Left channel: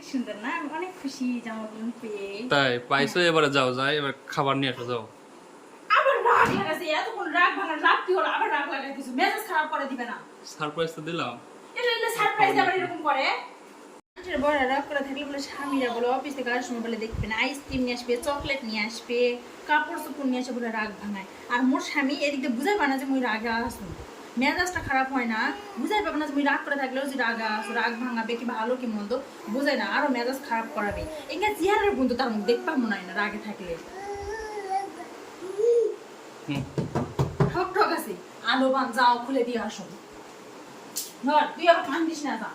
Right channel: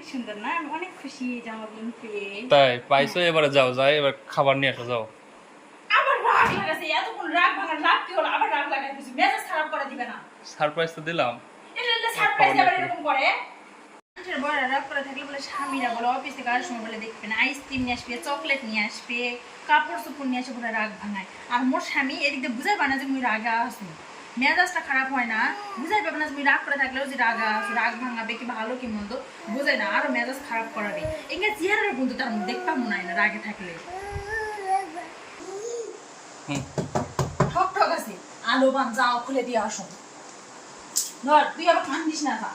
অনেক সুন্দর না? আমি অনেক খুশি জামাগুলো পেয়ে। তাই পাইছো এবারে যাও যাই এবার খাবার নিয়ে আসো যাও। আবার রাগ লাগাছে এতক্ষণ রাগ ভাঙা রাগ কি হলো? আবার রাগ লাগাইতেছে মেজাজ খারাপ করে দিবে না। সারপ্রাইজ তো দিলাম। এটা এটা সারপ্রাইজ আবার এরকম করে। মানুষের রাগ করে থাকলে বলে স্বামীরা বলে অফিস থেকে আসার সময় বলে দেখবে না আইসক্রিম নিয়ে আসবে চকলেট নিয়ে আসবে কাপড় চোপড় নিয়ে আসে বলে রাগ ভাঙায় আর মোর স্বামী এদিক দিয়ে বুঝাইবে না যে মুই রাগা আসু মেজাজটা খারাপ হয় না। বুঝাই পাবে না তুমি রাগ করে থাকলেও যে রাগা রাগ ভাঙাবে কি ভালো কি মন্দ বুঝাই না। আরও মেজাজ খারাপ করাবে। এগুলো চেহারার কিন্তু তার মুখ দেখতে মনে হয় না রাগে থাকলে। ঠক ঠক আছে। আলো বান যাও খুলে দিয়ে আসো তুই আবার কান্দিস না যা।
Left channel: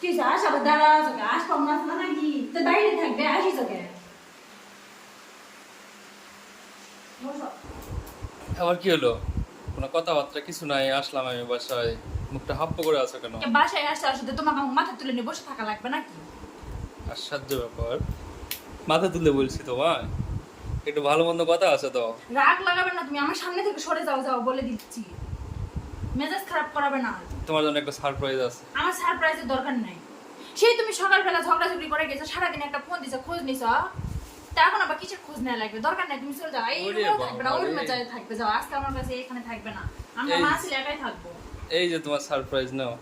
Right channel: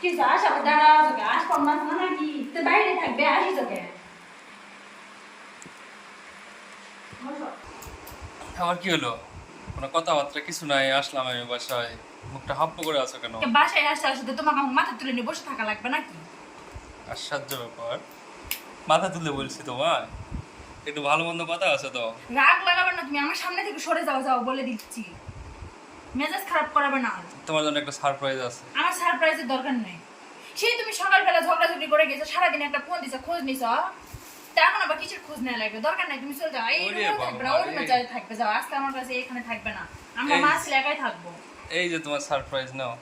কি যাস আবার দাঁড়া তোকে আস পাম না না নাকি বাইরে থাকবে আসিস তোকে আবার কি হলো? কোনো কথাবার্তা কিছু নাই আসলাম আমি বাসায়। মুখটা হাপ্প করে আছো কেন? কে বাসায় আসতে আসতে তোমাকে আমার মাথা তুলে নিয়ে বসে থাকা লাগবে নাকি? আশ্চর্য ব্যাপার। মাথা তুলে বলছি তোমায়? একটু ভালো মন্দ কথা আছে তো। রাগ লাগাবে না তুমি আমার সামনে থেকে সরে যাও যাও বলে দিচ্ছি। মেজাজ খারাপ করাবে না। তোমার জন্য একটা সারপ্রাইজ আছে। আমার সারপ্রাইজের দরকার নাই। সেই তুমি সকালবেলা ঝগড়াঝগড়ি করে গেছো সারাদিন একটা ফোন দিছো খোঁজ নিছো। তা এখন আবার কিসের খোঁজ নেওয়া লাগবে? দরকার নাই তুমি চলে যাও। এই রুমেও থাকবে না ওই রুমে যাই থাকবে। যাও আজকে আমার কাছে এখানে থাকবে না। আমরা মা ছেলে একাই থাকব। এই যে তোমার সারপ্রাইজ নাও।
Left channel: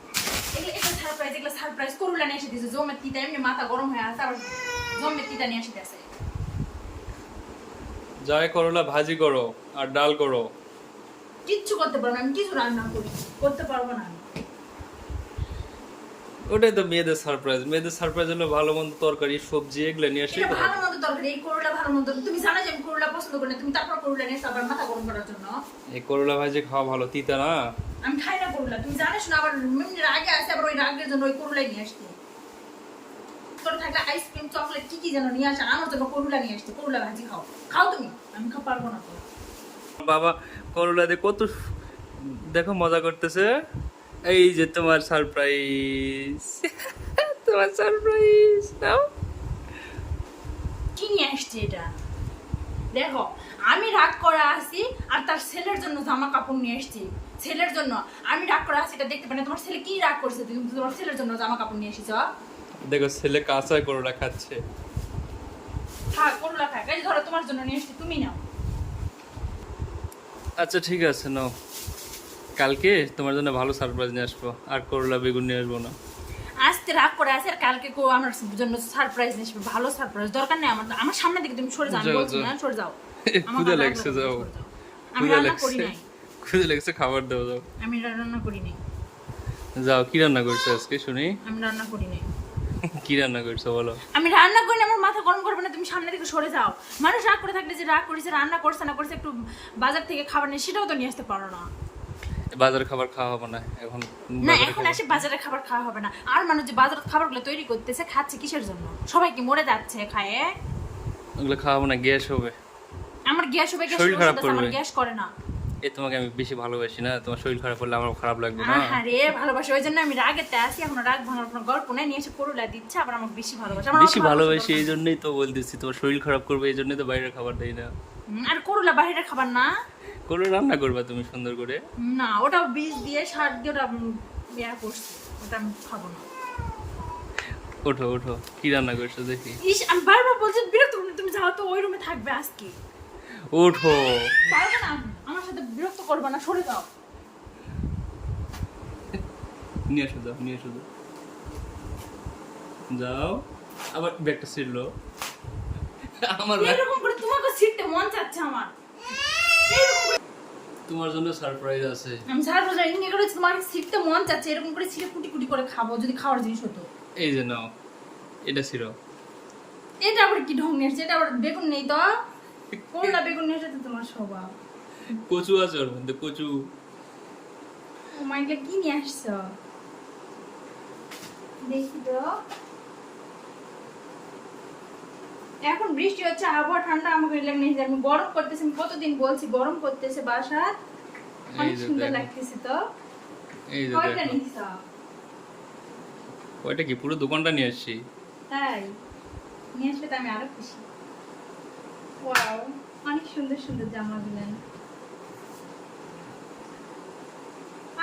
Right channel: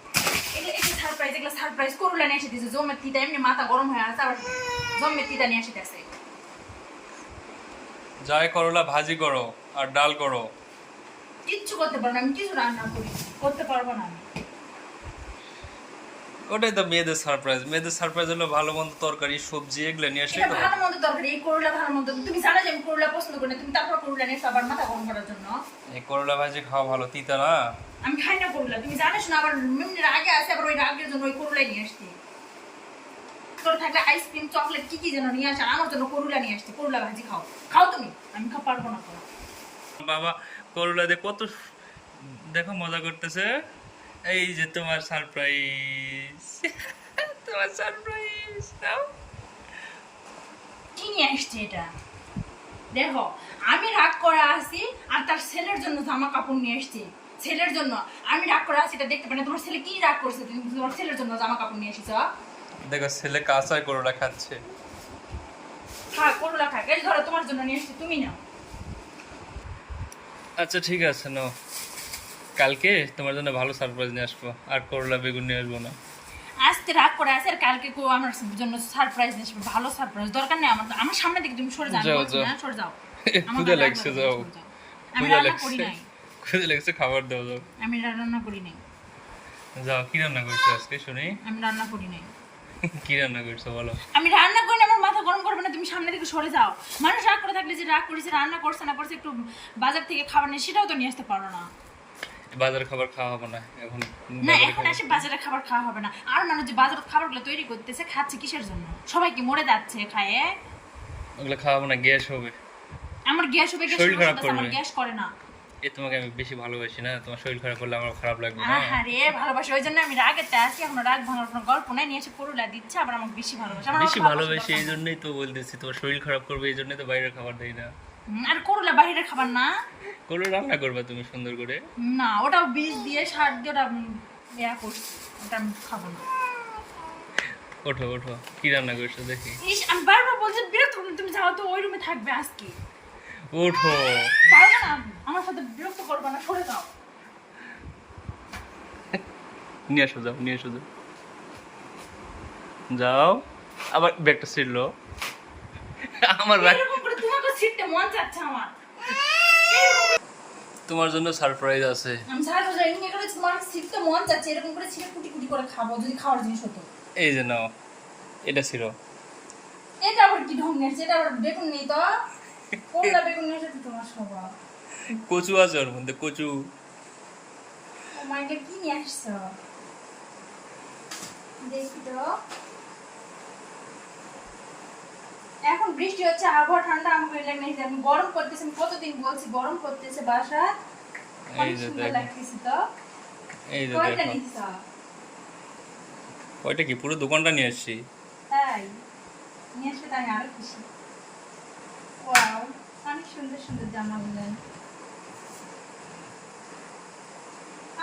এগুলো এগুলো সারপ্রাইজ এগুলো সারপ্রাইজ করুলা নিয়ে এসে দিয়েছে জমের তিতা। এমনি মাথা গরম হয়ে আছে আবার জমের তিতা নিয়ে এসে দিয়েছে। যাই করলা ভাজি করো আর ডাল করো। কিচ্ছু করতে পারব না আমি কিছু রান্না করি করতে পারব না আমি। ওটাই তো মেয়েদের সারপ্রাইজ মেয়েদের সারপ্রাইজ হলো ভালো মন্দ তরকারি সবজি এগুলো নিয়ে আসি ভালো মন্দ দরকার এই করলা ভালো মন্দ তুমি জানো যে আমি করলা পছন্দ করি না তুমি তারপর করলা নিয়ে এসে আবার মাথা গরম করার জন্য। এই করলা ভাজি খাওয়া ভালো তিতা না? আমি খাই না করলা তুমি জানিস না আবার এমনি রাগে আছে আবার ওই রাগের জন্য ওই করলাই নিয়ে আসতে। তোর থাকলে আইসক্রিম চকলেট কি কি যেন নিয়ে আসে আমার জন্য করলা নিয়ে আসতে করলা ভাজি খাও। খাও তুমি আমি খাও পারব না বাবা করলা দিয়ে কত দেখো মজা করতেছে। এই যে তোমার সারপ্রাইজ তোমার সারপ্রাইজ নাও। কি নিয়ে আসছে এটা? দেখো আমি রাগ করে আসি আর তার ছেলের জন্য জামা কাপড় নিয়ে এসছি ছেলের জন্য আমি রাগ করে আসি এটা দেখতে পাই না। তোমার ছেলে কি রাগ করছে? তুমি তোমার ছেলের জন্য জামা কাপড় নিয়ে এসেছ দেখো ছেলে কাঁচায় করলা খাচ্ছে। হ্যাঁ করলা খাক এই ধরো তোমার জন্য নিয়ে এসছি তুমি নাও। আচ্ছা ঠিক আছে নাও। কালকে তোমার জন্য ভালো সারপ্রাইজ নিয়ে আসব। আর করলা বেগুন নিয়ে আসব না। আজকে রাগ করে আছে আর কালকে কো আমার জন্য সারপ্রাইজ নিয়ে আসব। ভালো সারপ্রাইজ দরকার নেই আমার আমার সামনে দিকে তুমি সরে যাও। না সরে যাও। ক্ষুদা লাগছে যাও। আমি রান্না করি লাগছে নাই। ক্ষুদা লাগছে খাবার দাও যাও। আমি রান্না করি নাই। যাও কি রান্না করছ আজকে শুনি? আমি রান্না করি নাই। কি রান্না করছ বলো। আমি রান্না না গরম করবে না তুমি সামনে থেকে সরে যাও। মানুষ রাগ করে থাকলে যে রাগ করেছে রান্না করছে না করছে একটু বাজার থেকে খাবার নেই সেটাও তো নিয়ে আসতে পারো না। বাজার খাবার খাওয়া হবে না এখন না এখন এসে খাবার খাওয়া হবে না। আর মানুষ যে বাজারের খাবারগুলো তৈরি করতেছে খাচ্ছে কিসের জন্য? সবাই কি মরে যাচ্ছে খায়ে? ওগুলো খাওয়া হবে না গ্যাস হবে। আমার গ্যাস হবে গ্যাস আমার গ্যাস করে না। এ তোমাকে আমি বেশি ভালোবাসি না তোমার শরীর খারাপ করলে আমার খারাপ লাগবে না। আরে ভালোবাসি ওই জন্য আমি রাগেতে আসি এখন রাগ ভাঙার কোনো গল্প নাই নিয়ে এসে করলা দিচ্ছে আবার আমাকে বেশি ভালোবাসি। বেশি ভালোবাসি এই জন্যই তো বলতেছি তোমার শরীর খারাপ করবে এই জন্যই তো বাইরের খাবার দেই না। আর করলা বাইরের খাবার না। করে রান্না করবা তুমি সুন্দর করে। না ওটা বীজ দিয়ে সার দিয়ে ওটা ইয়া করছি ওটা আমি খাব না। ওঠো ওঠো কি রান্না করছ দেখি। ইস আমি বারবার বলছি বিরক্ত করলে তুমি যাও তো ওই রুমে থাকবে আজকে। ওঠো। পারবে না সাথে বিরক্ত করবে না সরে যাও। নিয়ে যাও নিয়ে যাও। যাও আবার ব্যাগটা ছিড়লো। আমার তোমাকে মন চাচ্ছে তোমার জন্য সারপ্রাইজ আছে। আমি সারা রোজা এমনি করে তোমাকে ছিটতে মন চাচ্ছে এরকম করে ছিটে কুটি কুটি করে খাব যদি খাওয়ার জিনিস হতো। এই যে নাও এটা ছিল এটা আবার কি ঢং নিয়েছে এটা আবার বেগুন নেই তো? কোনটা বেগুন এসেছে তোমার স্বভাব। কচু আছে ওর মধ্যে কচু। কি নিয়ে আসছো? দেখি তো। এখন বৃষ্টি হচ্ছে আবহাওয়া ঠান্ডা আমাকে নেই আমি গরম করতেছি আমি কতদিন বলছি গরম করতেছে বাসা এই যে লাগতেছে তো। এই যে দেখো। ওইটা কি? পুরো দোকানটা নিয়ে আসছি। তাই? নিয়ে আসলে আমি আরও খুশি। ওয়াও অনেক সুন্দর সুন্দর জামা দিলেন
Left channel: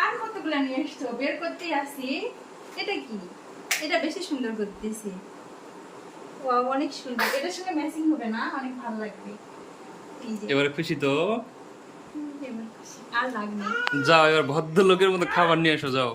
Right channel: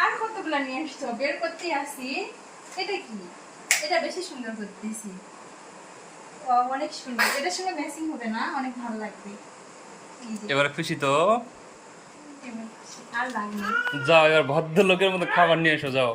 আর কতগুলো নিয়ে এসছো বের করতে আসি এটা কি? এটা বেশি সুন্দর করতেছি। ও অনেক সুন্দর। এটা সঙ্গে ম্যাচিং হবে না? অনেক ভালো লাগবে। এবারে খুশি তো। যাও এবার ভদ্রলোকের মতো খাবার নিয়ে এসো যাও।